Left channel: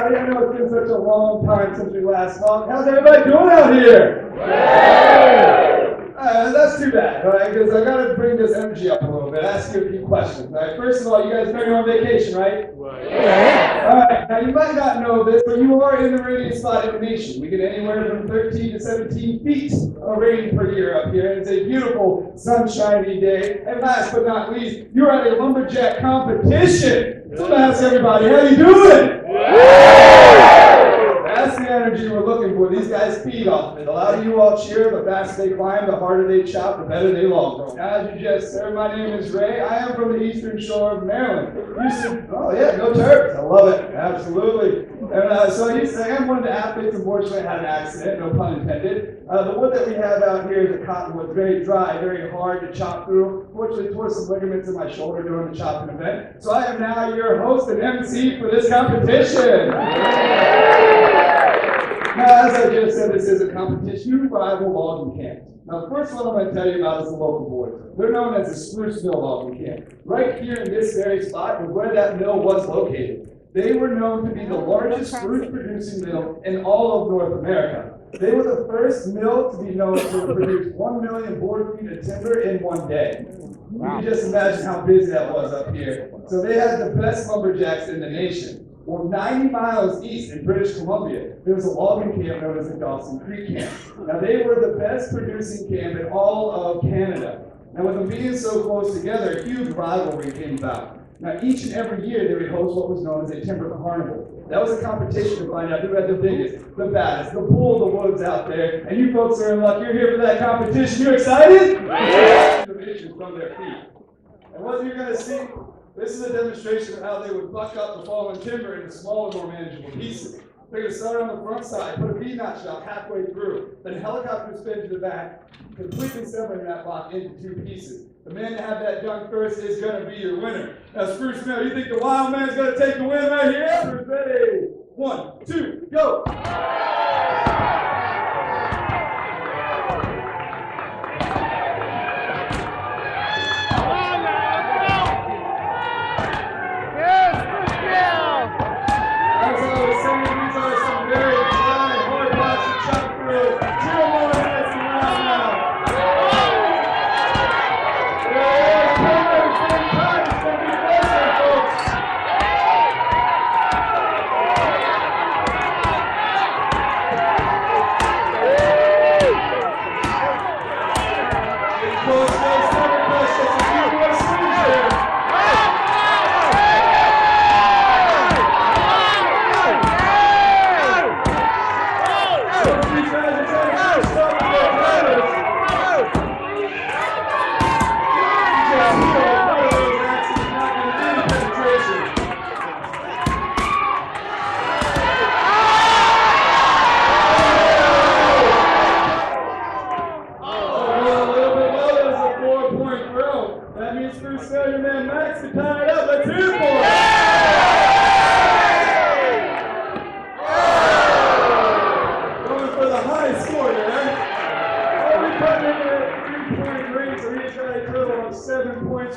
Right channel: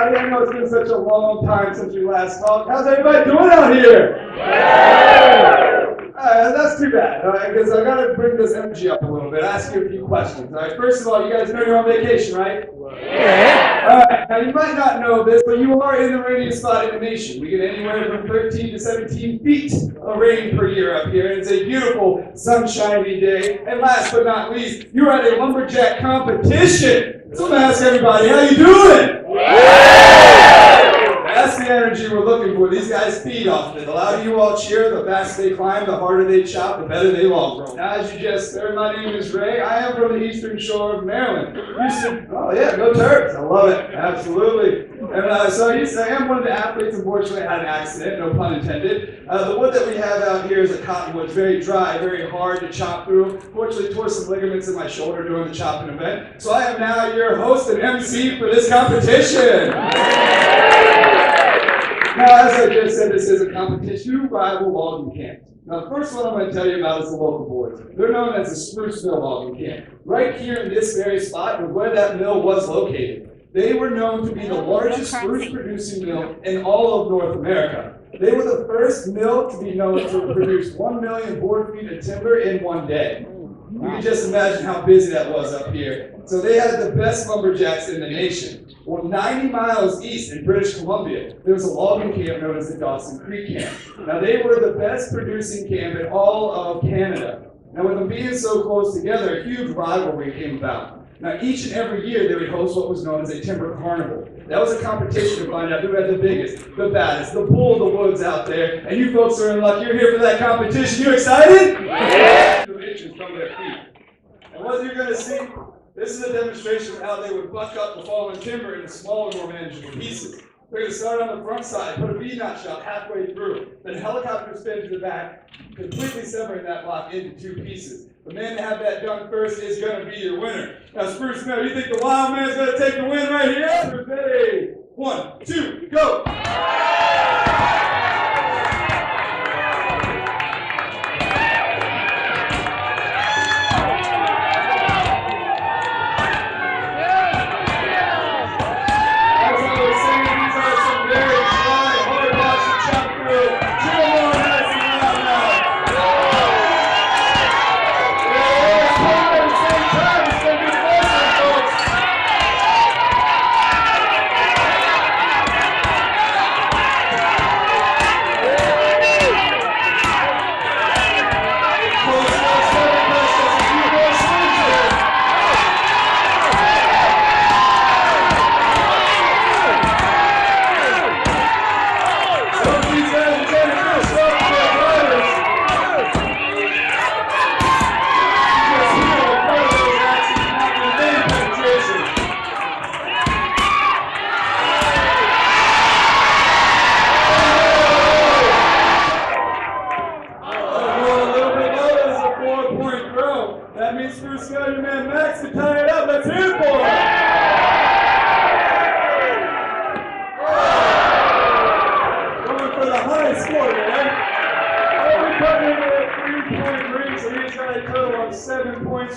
everybody. I know it's been such a long time since we last talked. How's everybody doing out here? That's too bad, all right? Because I got to bring this energy up a little bit. Ask you a few questions. All right. First of all, you guys know you're on vacation, right? Yeah. All right. Now you might not know this, but you are in the rainiest spot in the nation. We get anywhere from 13 to 17 feet of rain per year up here, and it's a beautiful, sunshiny day. And last but not least, you're at a lumberjack competition. So I'm gonna ask everybody, how you doing? That's the energy we're looking for. These guys feed off of it. The louder you all cheer, the faster they climb, the harder they chop, the better they long grow. Now, as you just heard, my name is Ray. I am from the eastern shore of Maryland. Oh yeah, go Terps. I love it. Absolutely. And so I am one of the athletes. Unfortunately, I had an accident, no pun intended. The wood that we have out here is a cottonwood. It's very dry, very hard to chop through. Fortunately, tore some ligaments in my shoulder during the chopping event. So I am now your host and MC for this competition. Now, as I just said, this is a competition. Two rival logging camps. Now, the first one I'm going to tell you about is the local boys. They're known as the Spruce Mill Logging Camp. Right here in this very spot is where that mill was located. They were known to be the largest spruce producing mill in all of North America. They were the first mill to be known to produce 1 million board feet of timber in one day. You can just imagine how busy that was up here. So they had the best lumberjacks in the nation. Well, 90 miles east in British Columbia, there was a logging camp known as the Dawson Creek Camp. Now, they were the best producing camp in all of Canada. Now, with them being so close together, a huge rivalry came about. Now, each and every year, they would host what was known as a timber carnival. That was a competition to find out who had the biggest, the baddest, the bull of the woods out there. And you folks are in luck. You're here for that competition. You excited? Yeah. The itches from their feet. And what you're going to see, this is a demonstration of how they would buck up the fallen timber into smaller, more manageable pieces. They're going to start on the front side, put a V-notch shot halfway through, then helicopter spin to the back, completely severing that block into two pieces. The man to have that done first is going to be your winner. Now, Spruce Mill, you think the wild man's going to take the win right here? Ready? 1, 2, go!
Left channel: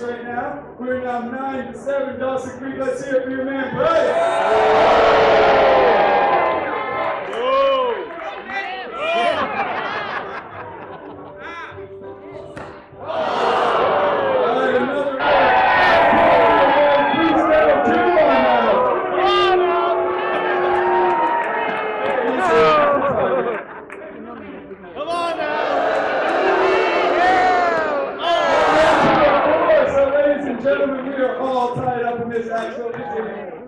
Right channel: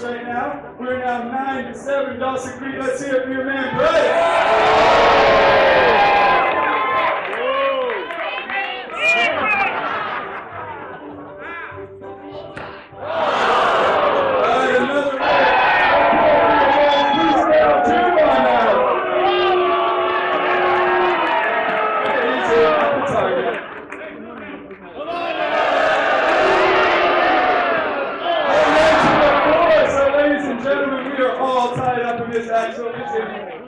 Right now. We're now 9-7, Dawson Creek. Let's hear it for your man, Bryce.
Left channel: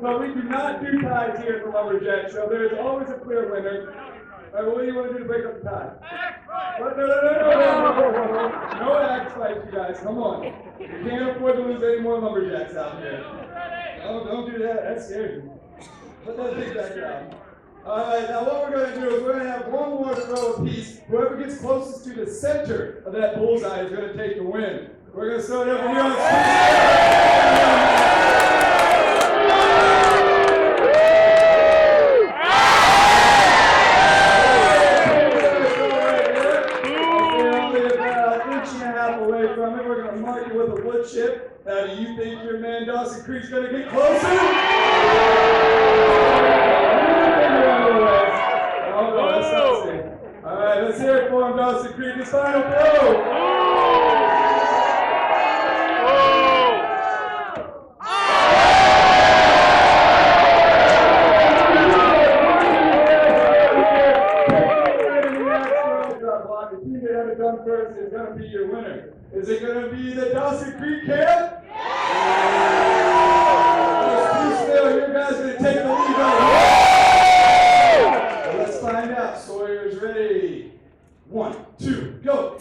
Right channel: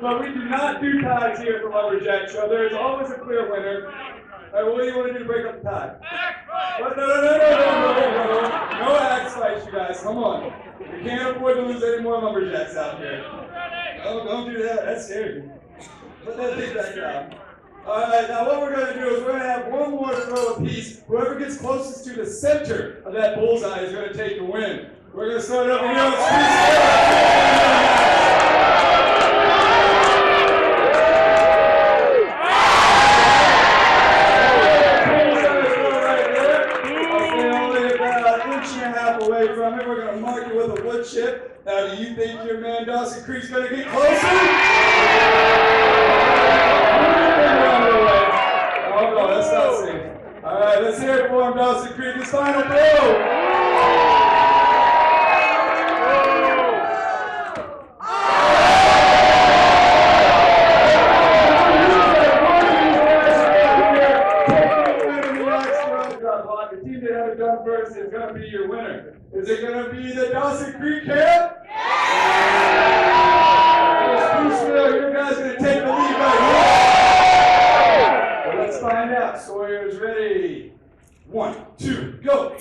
But we do not do ties here at the Lumberjack Show. There is always a clear winner. All right, what do you want to do to break up the tie? Axe fight! No axe fights, you guys. Come on. We can't afford to lose any more Lumberjacks out here. No, don't do that. That's scary. Put that thing back down. All right, now what we're going to do is we're going to have one more throw apiece. Whoever gets closest to the center of that bullseye is going to take the win. We're going to start over here on the street. We're going to mark you with a wood chip. Now, do you think your man Dawson Creek's going to get closer? from Dawson Creek. His final throw. The team that had it done first is going to be your winner. Is it going to be the Dawson Creek camp? You guys are going to take the lead right here. Well, let's find out. Sawyer's ready. 1, 2, go.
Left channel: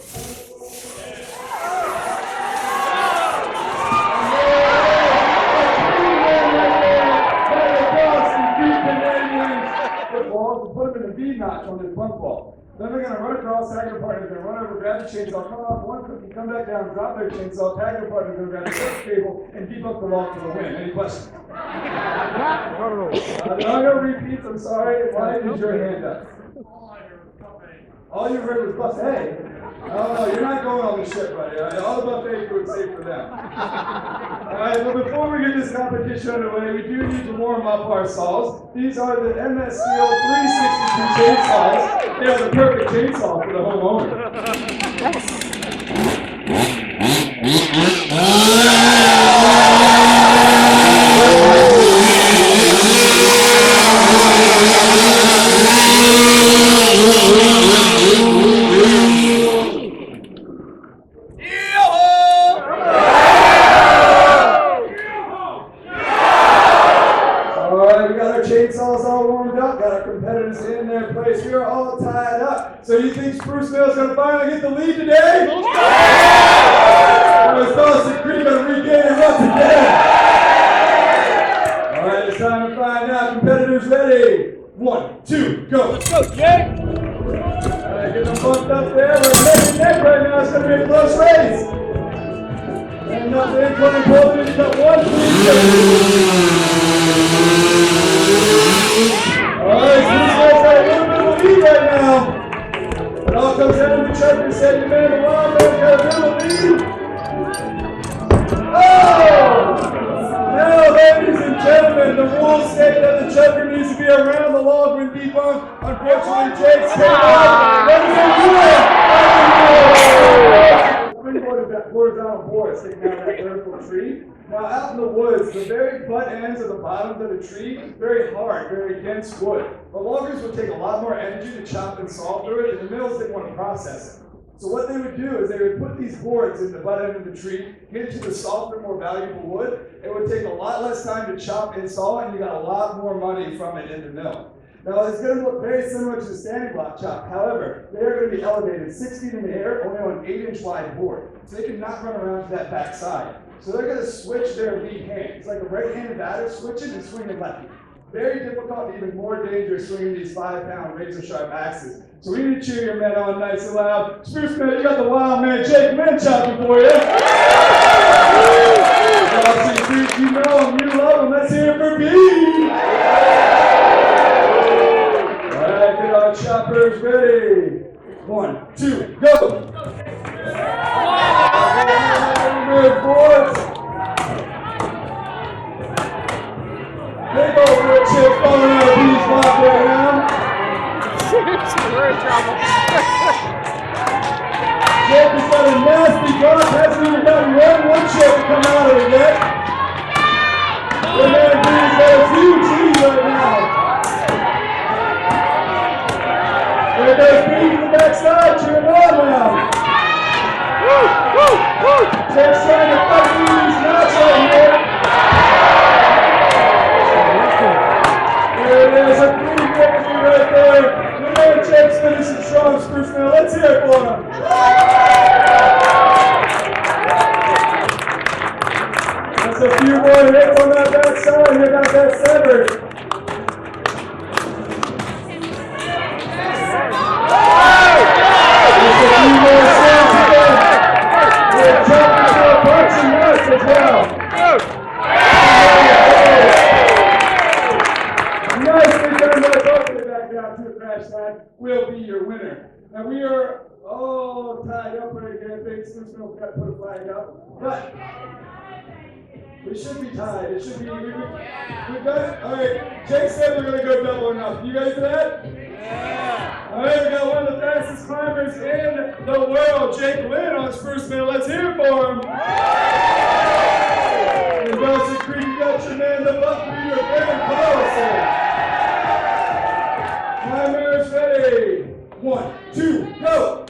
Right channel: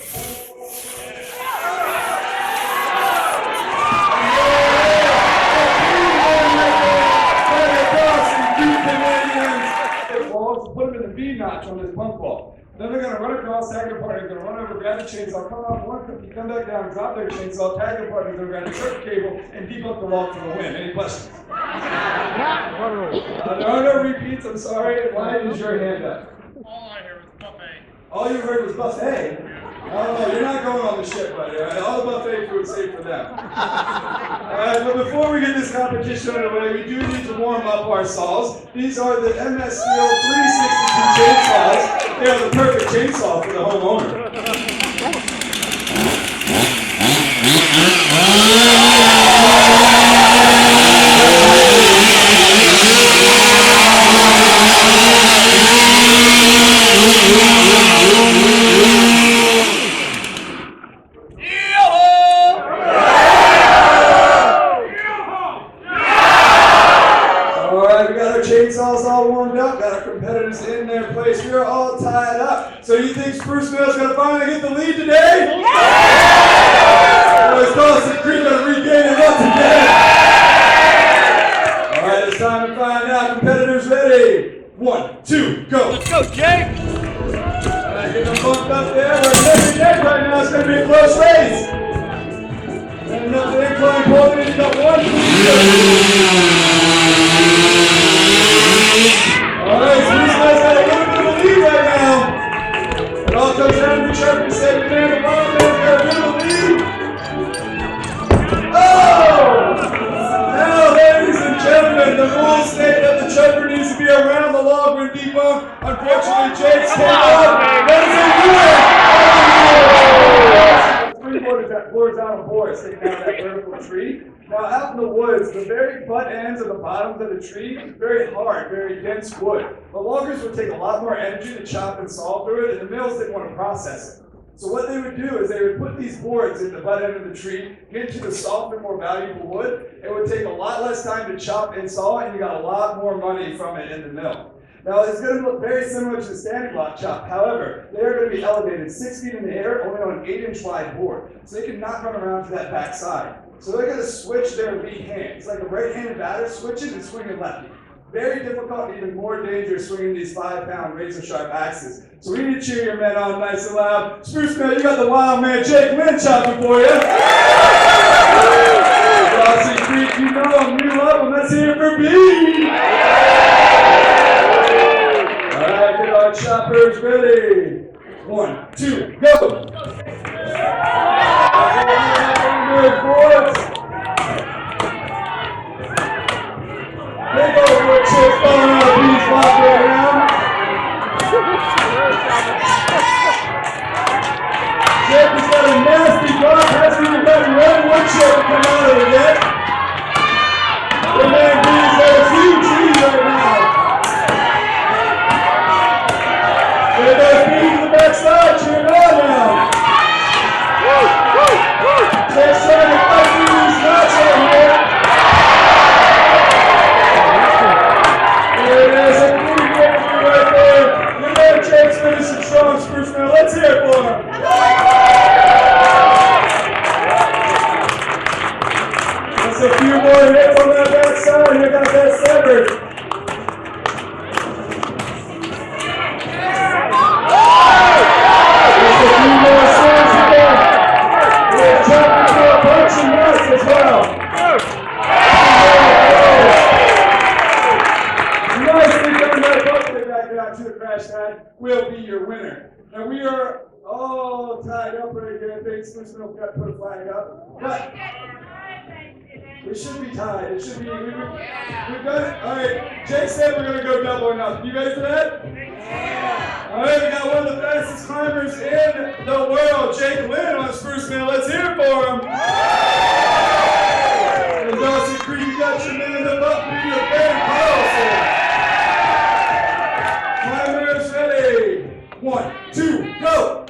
Put him in the V notch on this bump ball. Then they're going to run across, tag their partner, going to run over, grab the chainsaw, come off one cookie, come back down, drop their chainsaw, tag their partner, going to grab the circuit cable, and keep up the log for the win. Any questions? No repeats, I'm sorry. Why is your hand up? All I heard was buffet. All you heard was buffet? Oh, you're not going on the ship, buddy. All right? All the buffet food is safe for them. All right, but before we get this competition underway, we do need to warm up our saws. These are the MS Steel 362 chainsaws. They are the perfect chainsaw for the homeowner. Chainsaws all warmed up, got our competitors in their place. We are all tied up. So you think Spruce Mill's going to finally get the lead today? Or is Dawson Creek going to regain it once again? All right, it's time to find out. Competitors ready? 1, 2, go. Let's go, Jake. All right, get them bumped up there. We're neck and neck right now. It's going to be a close race. And up the incline, holding it. You got 1, 2, 3. All right, so these guys got a little bit of a lead right now. It all comes down to the champion second man. The wild man's got a bit of a lead. Oh! Now, ladies and gentlemen, the rules state that the jumper needs to be around the log when debunked. Unfortunately, Jake's came out. That is a winner! Springboard is that horizontal board sticking out of that vertical tree. Now, out in the woods, the very butt ends of the bottoms of the tree, very hard, very dense wood. The loggers would take a lot more energy to chop and saw through it, and the mills didn't want to process it. So what they would do is they would put these boards in the butt end of the tree, get to the softer, more valuable wood. It would take a lot less time to chop and saw, and you got a lot more money from it in the mill. Now, it's going to look very similar to the standing block chop. However, they are going to be elevated 6 feet in the air, only on an 8-inch wide board. So they can not run around to that back side. So they're going to switch their lead hand. It's like a right-handed batter switching and swinging lefty. Very difficult and even more dangerous swinging these 5-pound razor-sharp axes. So we need to cheer your men on nice and loud. Spruce Man, you got the wild man Jake Lynn chopping for you. Dawson Creek, you know him, you love him. Let's hear it for B. All right, get our choppers ready. 1, 2, go. Good boards. Big old wood chips falling out of these block right now. Jake has got a nasty block. Hasn't even got one wood chip to come out of it yet. The man B's got a few trees right now. There goes B to the backside, cheering on now. Jake's trying to fight through these knots right here. There it is, a pretty victory right there. You know Jake's finishing strong, Spruce Man. Let's hear it for him. Just a few more hits on that backside. Here got that severed. Just a few more shots here. We're jumping to a bunch of nuts as well. Nicely done by both. Get back down to the crash pad. Will be your winner. Now we are all tied up right here. Big Spruce Mill got to put a flag up. But we should be tied. It should be. We've got it. All right. Jake said we're going to go double or nothing. You guys for that? Yeah. All right, we got one of the fastest climbers in the world, Jake Lynn on Spruce Mill. Let's hear it for him. And Dawson Creek, you got your man, the Buffalo, your Ben Carlson. Climbers ready. 1, 2, go.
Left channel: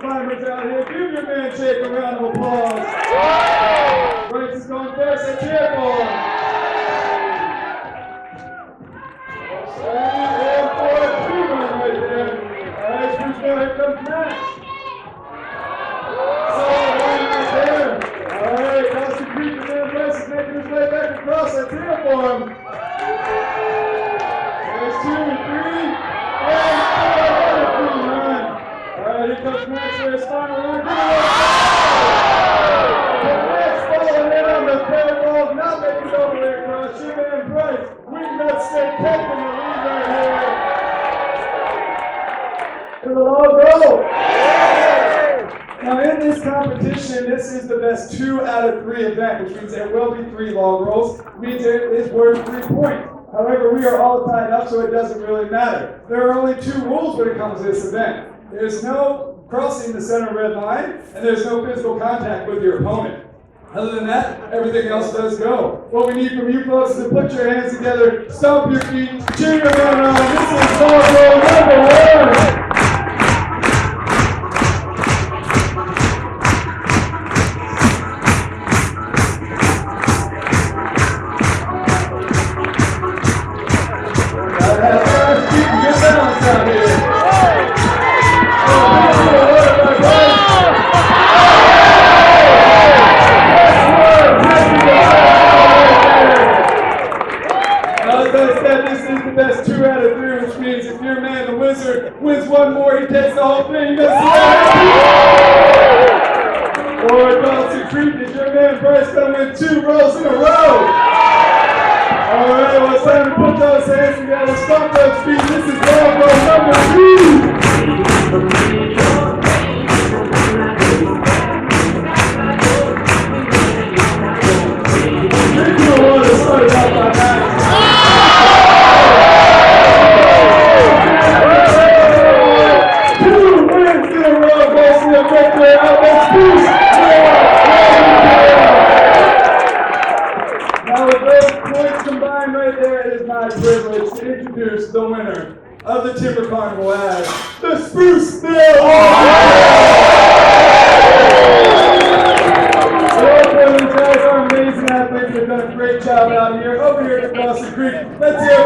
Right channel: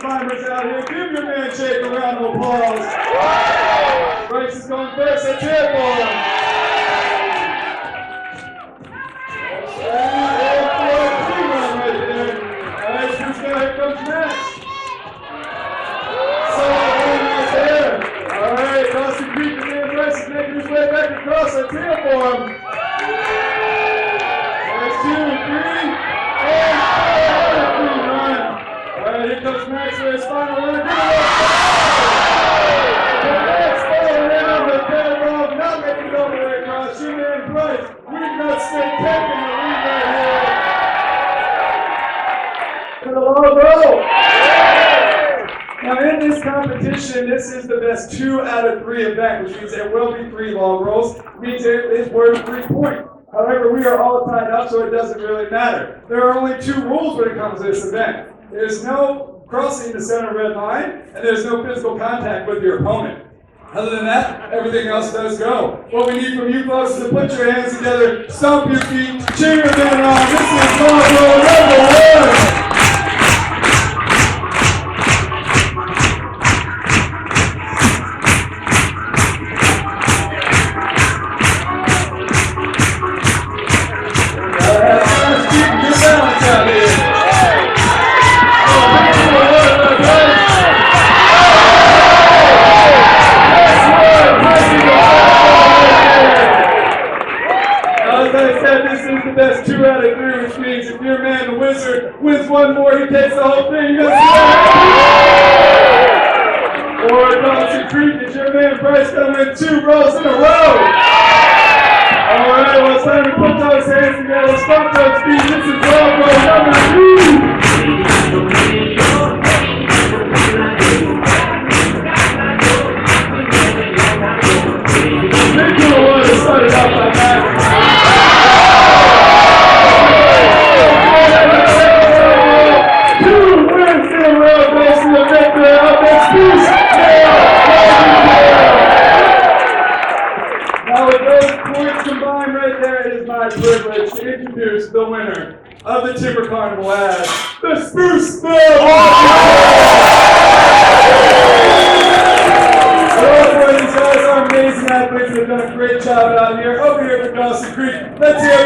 Climbers out here. Give your man Jake a round of applause. Bryce is going first. Let's hear it for him. And for a two run right there. All right, Spruce Mill, here comes Max. Solid one right there. All right, Dawson Creek and then Bryce is making his way back across. Let's hear it for him. There's 2, 3, and 4. Run. All right, here comes Max for his final run. Max falling in on the third log, not making it over there across. Your man Bryce, we've got straight taking the lead right here. To the long goal. Now in this competition, this is the best 2 out of 3 event, which means there will be 3 log rolls. It means it is worth 3 points. However, we are all tied up, so it doesn't really matter. There are only 2 rules when it comes to this event. There's no crossing the center red line, and there's no physical contact with your opponent. Other than that, everything else does go. What we need from you folks is to put your hands together, stomp your feet, cheer your man on. This is log roll number 1. That's 2 out of 3, which means if your man, the Wizard, wins one more, he takes the whole thing. You got to see or Dawson Creek, is your man Bryce going to win 2 rolls in a row? All right, well, it's time to put those hands together, stomp those feet. This is log roll number 2. Big one to start it out by Max. Now with those points combined right there, it is my privilege to introduce the winner of the Timber Carnival as the Spruce Mill These guys are amazing athletes. They've done a great job out here. Over here at Dawson Creek. Let's hear it.